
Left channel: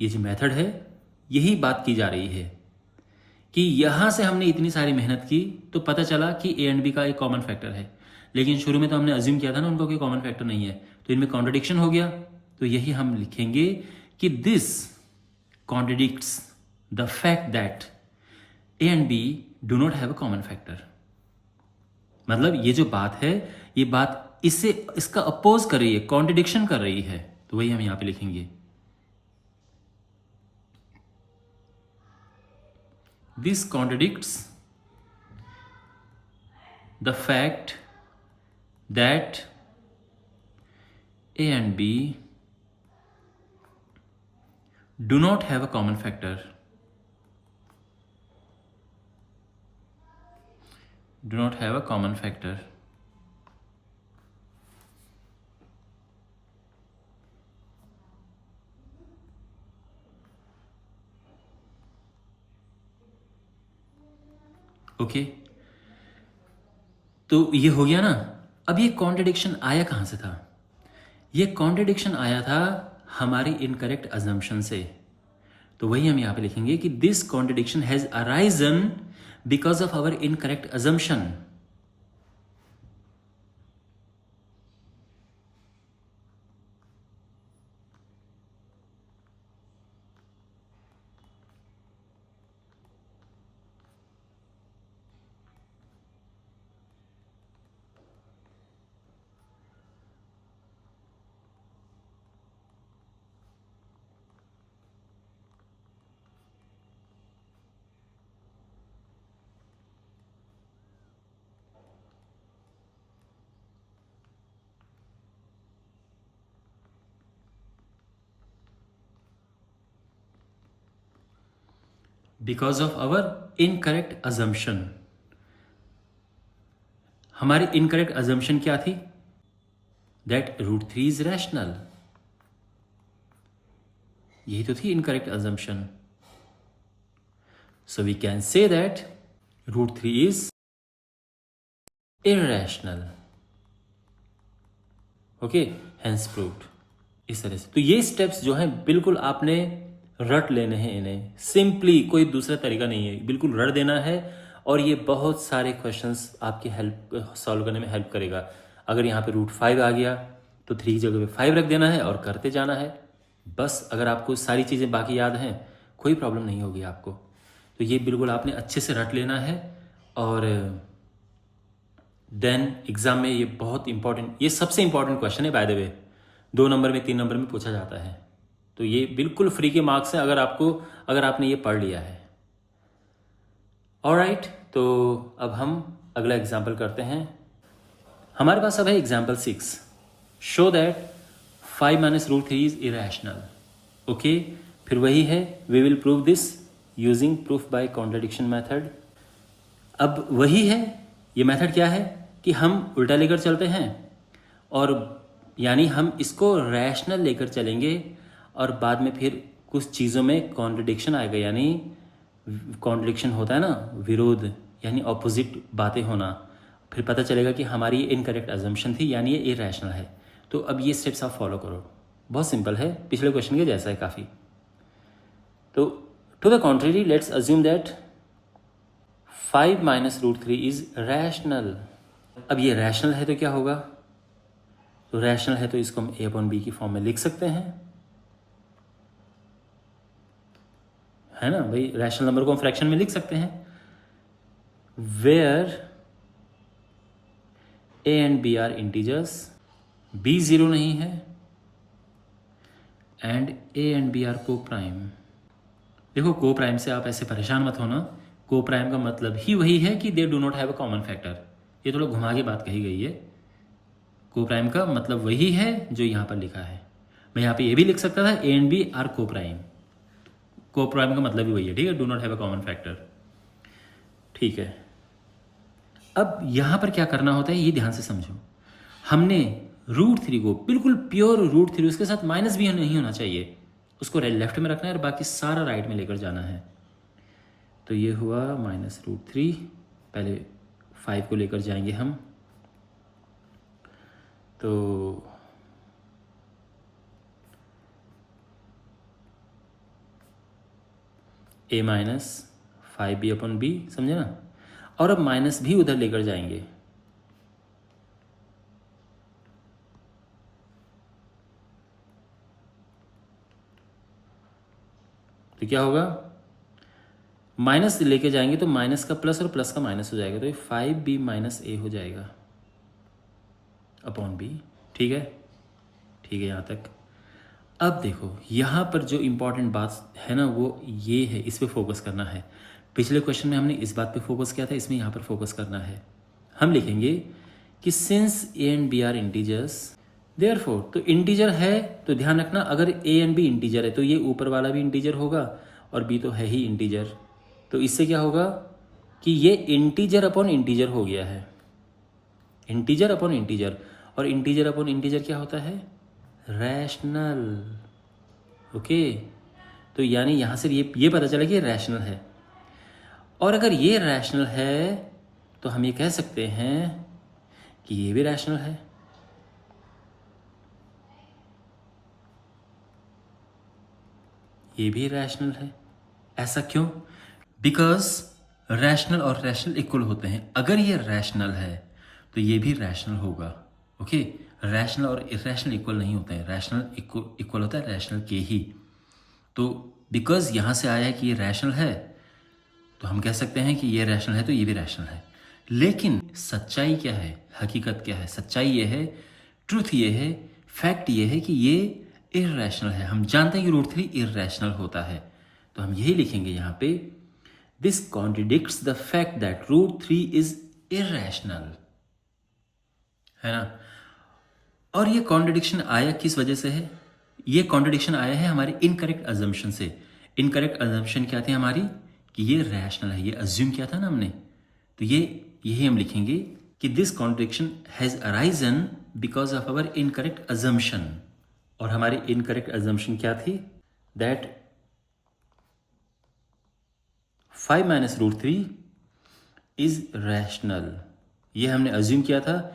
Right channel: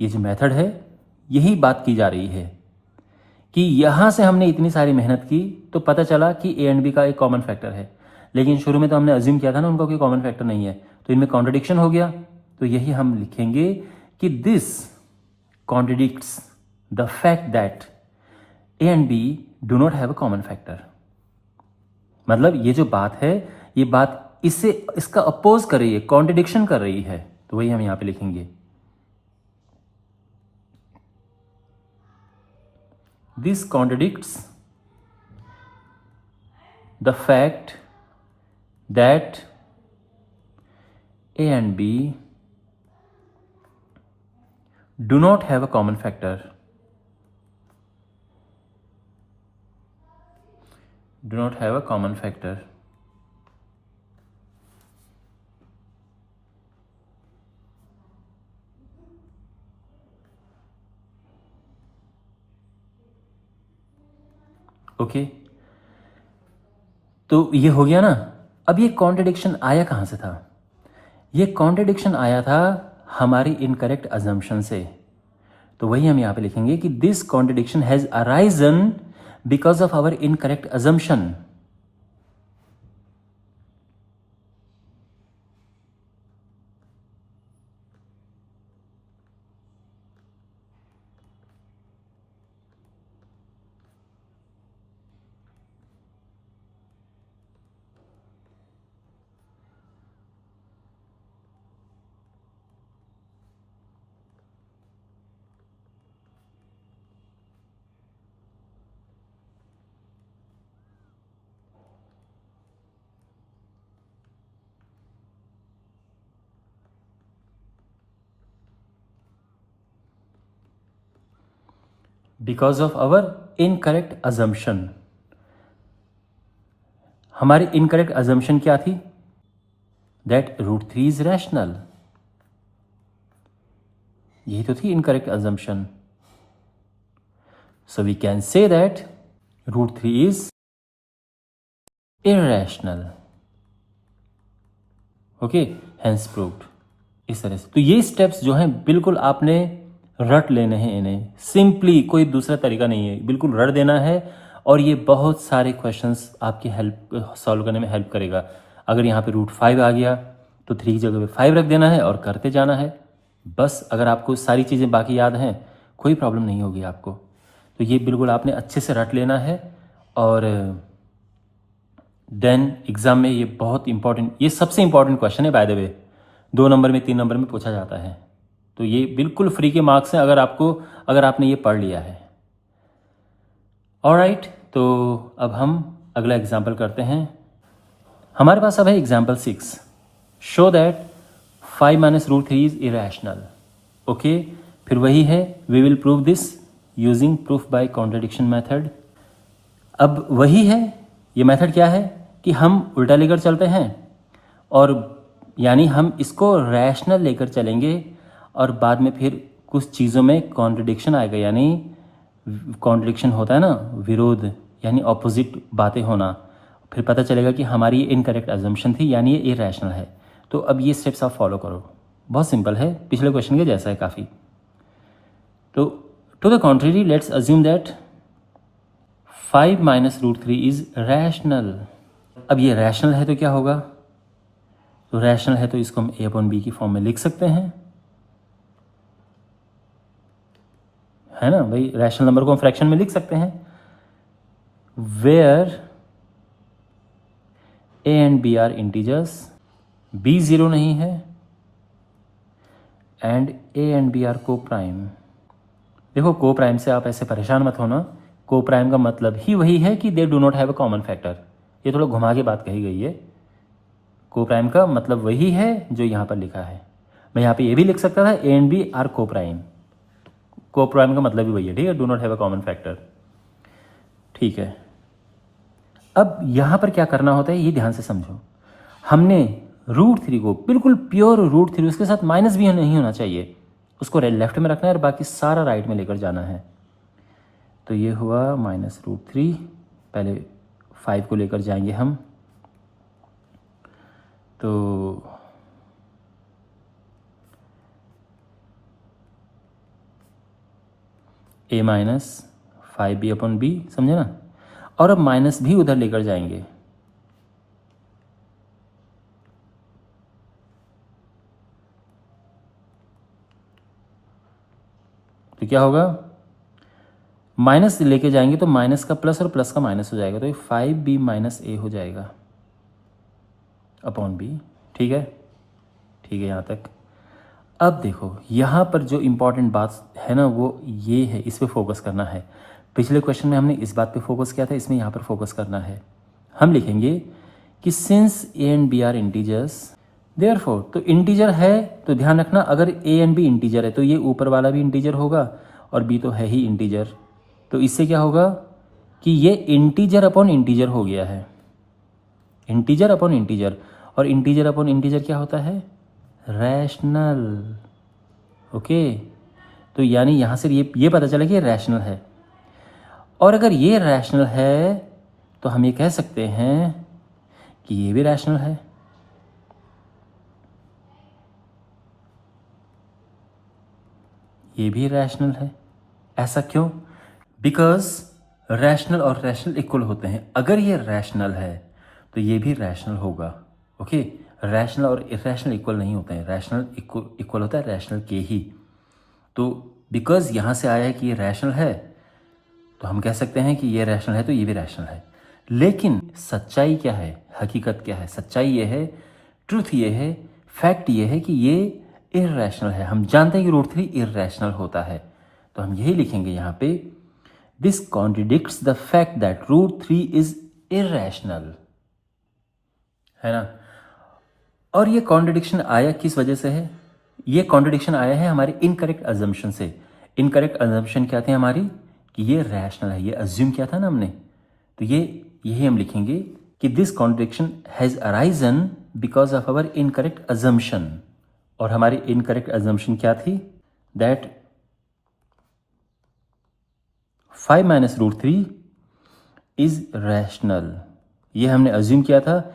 ये जो मेथड है यही बात की जा रही है कि यहाँ से हमने इतनी सारी मेहनत की तो पता चला कि ए एंड बी का एक कॉमन फैक्टर है, लेकिन शुरू में तो हमने अज्यूम किया था ना उनका कोई कॉमन फैक्टर नहीं है, तो इनमें कॉन्ट्रडिक्शन हो गया। तो यही हम लिखेंगे कि this contradicts the fact that A and B do not have a common factor. मतलब ये जो बात है, ये बात इससे इसका अपोज कर रही है, कॉन्ट्रडिक्शन कर रही है, तो वही हम यहां पे लिखेंगे। This contradicts the fact that A and B do not have a common factor, do not have a common factor। Okay, तो ये हो गया ना। अब ये कॉन्ट्रडिक्शन आया कहां से था? ये कॉन्ट्रडिक्शन आया था हमारी इनकरेक्ट अजम्पशन से। तो वही हम यहां पे लिखेंगे कि this contradiction has arisen because of our incorrect assumption. Because of our incorrect assumption. हमारी इनकरेक्ट अजम्पशन क्या थी? That √3 is rational. यही तो थी incorrect assumption. So we can say that √3 is irrational। Okay, hence proved. इस तरह से तो ये स्टेप्स जो हैं बिल्कुल आपने रट लेने हैं इन्हें, सिंपली, कोई दूसरा तरीका नहीं है, बिल्कुल रट देना है। और ये बहुत सारे क्वेश्चंस आपकी हेल्प सॉल्व करने में हेल्प करेगा। अगर यहाँ पे √5 आ गया तो 3 की जगह पे 5 रख देना है और करते जाना है बस। अगर आपको सारी चीज़ें बाकी याद हैं कोई प्रॉब्लम नहीं होगी आपको। तो ये बिल्कुल आपने अच्छे से रट लेना है। और देन एग्जाम में ये बहुत इंपॉर्टेंट, ये सबसे इंपॉर्टेंट क्वेश्चन है बाय द वे, 2 नंबर में 3 नंबर में पूछा जाता है। तो ये बिल्कुल फ्री के मार्क्स हैं अगर आपने ये पढ़ लिया है। ऑलराइट, तो अब हम अगला एग्जाम्पल करते हैं। हमारे पास अब है example 6। Show that 5 - √3 is irrational. Okay, फिर वही है, we will prove this using proof by contradiction method. अब वही है, ये मेथड क्या है कि हम उल्टा लेकर चलते हैं और यानी हम इसको रैशनल लेकर चलेंगे और बाद में फिर कुछ चीज़ों में कॉन्ट्रडिक्शन आएगा। यानी कॉन्ट्रडिक्शन होता है ना, विरोध, यानी ऑपोजिट बातें होना। फिर पता चलेगा कि हमारी इनकरेक्ट अजम्पशन थी, यानी ये इरेशनल है। तो अब ये स्टेप्स आप फॉलो करो, बहुत सिंपल है, पिछले क्वेश्चन के जैसा है काफ़ी। तो to the contrary let's assume that 5 - √3 is rational. अब ये रैशनल है तो क्या होगा? तो रैशनल है तो इसको हम a/b की फॉर्म में लिख सकते हैं, है ना भाई। रैशनल नंबर को हम फ्रैक्शन में लिख सकते हैं, where a and b are integers, b 0 नहीं है and a and b are coprime. देखो, को प्राइम से आप ऐसे परेशान मत होना, को प्राइम का मतलब ही वही है कि they do not have a common factor. ये थोड़ा घुमा के बात कही गई है। को प्राइम का मतलब वही है जो यहाँ पर लिखा है। मैं यहाँ पे ये भी लिख सकता था, ए एंड बी आर को प्राइम। को प्राइम का मतलब भी वही है, ठीक है, do not have a common factor. ठीक है, अब यहाँ पर क्या करना होता है ये ध्यान से समझो। हमने √3 को बिल्कुल प्योर √3, उसके साथ माइनस भी नहीं होना चाहिए, उसको लेफ्ट में रखना है और बाकी सारा राइट में लेकर जाना है। तो ये हुआ -√3, पहले 5 को लेकर जाएंगे हम। तो ए माइनस 5b अपॉन बी, समझे ना। और अब माइनस भी उधर लेकर जाएंगे, तो क्या होगा, माइनस लेके जाएंगे तो माइनस का प्लस और प्लस का माइनस हो जाएगा, तो ये 5b माइनस ए हो जाएगा अपॉन बी। ठीक है, ठीक है यहाँ तक। अब देखो यहाँ पर जो इम्पॉर्टेंट बात है ना वो ये है, इस पे फोकस करना है। पिछले क्वेश्चन में हमने इस बात पे फोकस किया था, इसमें यहाँ पर फोकस करना है। हम लिखेंगे कि since A and B are integers therefore, तो इंटीजर है तो ध्यान रखना अगर ए एंड बी इंटीजर है तो ये ऊपर वाला भी इंटीजर होगा और बी तो है ही इंटीजर, तो इससे क्या होगा कि ये इंटीजर अपॉन इंटीजर हो गया है, इंटीजर अपॉन इंटीजर। और इंटीजर अपॉन इंटीजर क्या होता है, रैशनल। ओके, तो यानी यहाँ से ये पता चला कि ये रैशनल है। और अगर ये रैशनल है तो हम ये कह सकते हैं कि ये भी रैशनल है। ये भी रैशनल है। ऐसा क्यों? बिकॉज रैशनल और रैशनल इक्वल होते हैं। अगर ये रैशनल है तो ये भी रैशनल होगा। ओके, रैशनल और इरेशनल इक्वल नहीं होते हैं, रैशनल इक्वल होता है रैशनल के ही। तो बिकॉज यहाँ से आया है कि ये रैशनल है तो हम कह सकते हैं कि ये रैशनल है तो ये भी रैशनल है। लेकिन सच्चाई क्या है, हकीकत क्या है? सच्चाई ये है, ट्रूथ ये है, फैक्ट ये है कि ये इर्रेशनल है। हम जानते हैं कि रूट 3 इर्रेशनल होता है, तो हम यही लिखेंगे यहाँ पे, this contradicts the fact that root 3 is irrational, है ना। और ये कॉन्ट्रडिक्शन आया किस वजह से है? ये कॉन्ट्रडिक्शन आया है हमारे इनकरेक्ट अजम्पशन से। इनकरेक्ट अजम्पशन क्या थे हमारी, कि ये रैशनल है, ये अज्यूम किया था ना हमने, तो ये यही हम लिखेंगे कि this contradiction has arisen because of our incorrect assumption. और हमारी इनकरेक्ट अजम्पशन क्या थी, that 5 minus root 3 is rational, ये हमने अज्यूम किया था।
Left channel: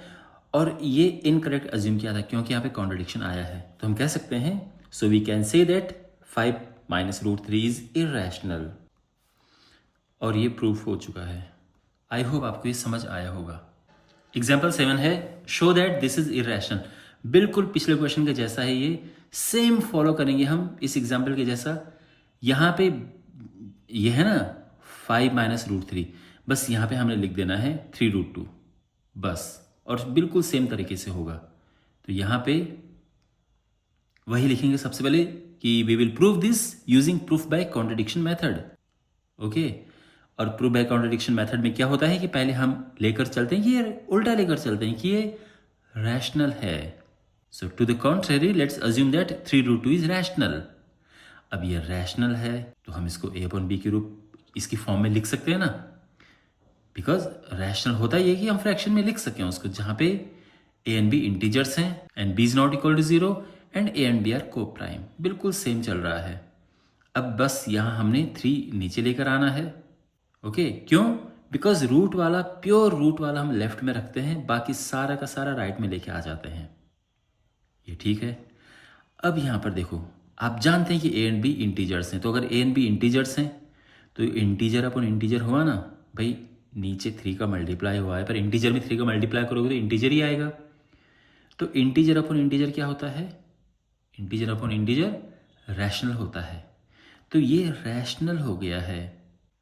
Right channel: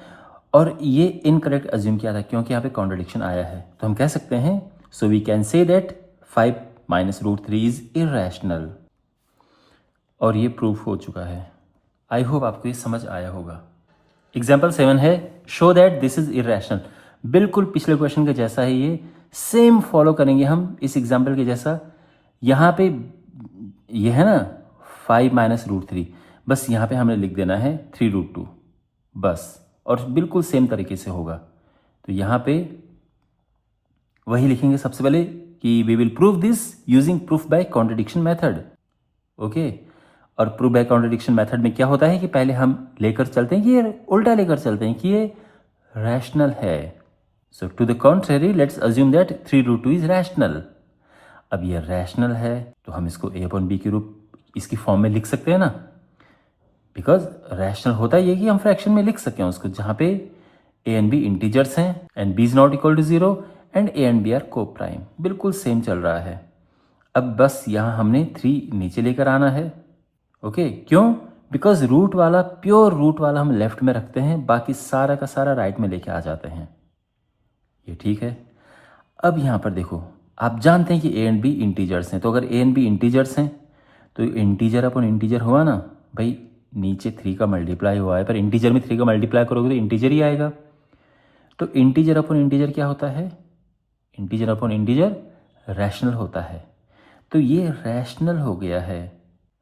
और ये इनकरेक्ट अज्यूम किया था क्योंकि यहाँ पे कॉन्ट्रडिक्शन आया है, तो हम कह सकते हैं, so we can say that 5 minus root 3 is irrational. और ये प्रूफ हो चुका है। आई होप आपको ये समझ आया होगा। एग्जाम्पल 7 है, show that this is irrational. बिल्कुल पिछले क्वेश्चन के जैसा है, ये सेम फॉलो करेंगे हम इस एग्जाम्पल के जैसा। यहाँ पे ये है ना 5 माइनस रूट 3, बस यहाँ पे हमने लिख देना है 3 रूट 2 बस, और बिल्कुल सेम तरीके से होगा। तो यहाँ पे वही लिखेंगे सबसे पहले कि we will prove this using proof by contradiction method. Okay, और प्रूफ बाय कॉन्ट्रडिक्शन मेथड में क्या होता है कि पहले हम लेकर चलते हैं कि ये उल्टा लेकर चलते हैं कि ये रैशनल है। So to the contrary let's assume that 3 root 2 is rational. अब ये रैशनल है तो हम इसको ए अपॉन बी के रूप इसकी फॉर्म में लिख सकते हैं ना, बिकॉज रैशनल होता है ये कि हम फ्रैक्शन में लिख सकें उसको, जहाँ पे ए एंड बी इंटीजर्स हैं and B is not equal to 0 and A and B are coprime. बिल्कुल सेम चल रहा है। अब बस यहाँ हमने 3 नीचे लेकर आना है। ओके, क्यों? बिकॉज रूट वाला, प्योर रूट वाला हम लेफ्ट में रखते हैं, बाकी सारा का सारा राइट में लेके आ जाते हैं। ये ठीक है। अब यहाँ पर देखो, आप जानते हैं कि ए एंड बी इंटीजर्स हैं, तो अगर ए एंड बी इंटीजर्स हैं तो इंटीजर अपन इंटीजर हुआ ना भाई, नीचे 3 का मल्टीप्लाई हुआ है पर इंटीजर में 3 का मल्टीप्लाई करोगे तो इंटीजर ही आएगा। तो इंटीजर अपॉन इंटीजर क्या होता है, इंटीजर अपॉन इंटीजर रैशनल होता है। तो ये रैशनल हो गया है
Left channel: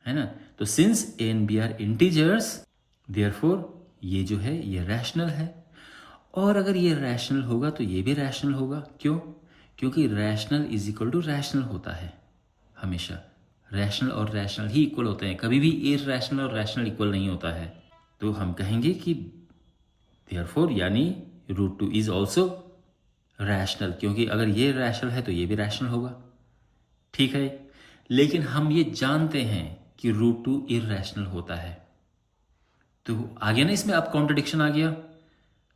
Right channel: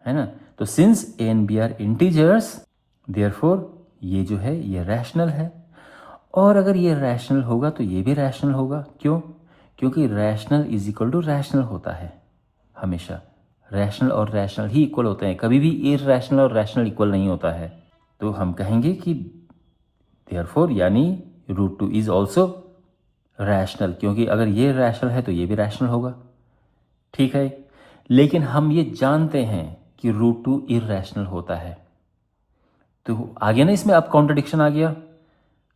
ना। तो since A and B are integers therefore ये जो है ये रैशनल है। और अगर ये रैशनल होगा तो ये भी रैशनल होगा। क्यों? क्योंकि rational is equal to rational होता है हमेशा। रैशनल और रैशनल ही इक्वल होते हैं, कभी भी इरैशनल और रैशनल इक्वल नहीं होता है। तो हम कहेंगे कि देयरफॉर यानी रूट 2 इज ऑल्सो रैशनल, क्योंकि अगर ये रैशनल है तो ये भी रैशनल होगा। ठीक है, लेकिन हम ये जानते हैं कि रूट 2 इरैशनल होता है। तो आ गया ना इसमें, अब कॉन्ट्रडिक्शन आ गया।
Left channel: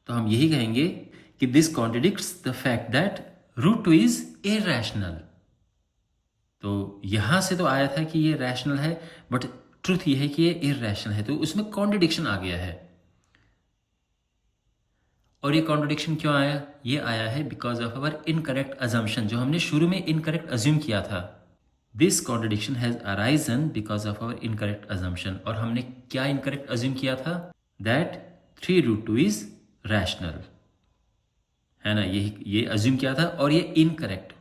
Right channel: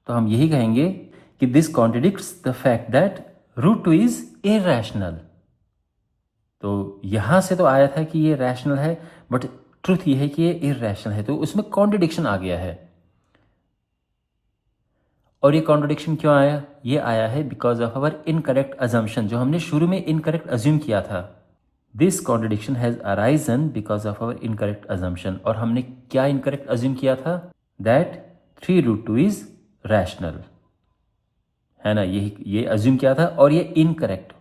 तो हम यही कहेंगे कि this contradicts the fact that root 2 is irrational. तो यहां से तो आया था कि ये रैशनल है, बट ट्रुथ ये है कि ये इरैशनल है, तो उसमें कॉन्ट्रडिक्शन आ गया है। और ये कॉन्ट्रडिक्शन क्यों आया? ये आया है because of our incorrect assumption, जो हमने शुरू में इनकरेक्ट अज्यूम किया था। This contradiction has arisen because of our incorrect assumption. और हमने क्या इनकरेक्ट अज्यूम किया था? दैट 3√2 इज रैशनल, है ना। ये अज्यूम किया था और ये इनकरेक्ट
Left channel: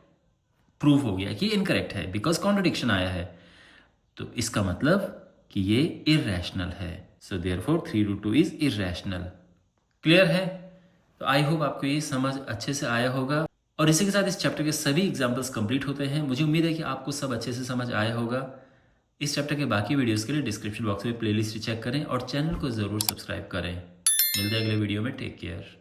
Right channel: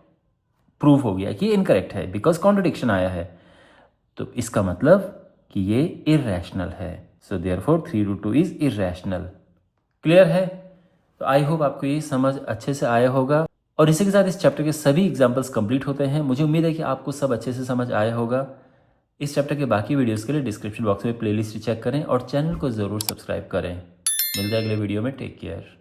प्रूफ हो गया कि ये इनकरेक्ट है बिकॉज कॉन्ट्रडिक्शन आया है। तो इसका मतलब कि ये इररेशनल है। So therefore 3√2 is irrational. Clear है? तो आई होप आपको ये समझ अच्छे से आया होगा। और इसी के साथ इस चैप्टर के सभी एग्जाम्पल्स कंप्लीट होते हैं। मुझे उम्मीद है कि आपको सब अच्छे से समझ आया होगा। इस चैप्टर के बाकी वीडियोस के लिए डिस्क्रिप्शन बॉक्स में प्लेलिस्ट चेक करें और चैनल को ज़रूर सब्सक्राइब करें। मिलते हैं अगले वीडियो में। Take care.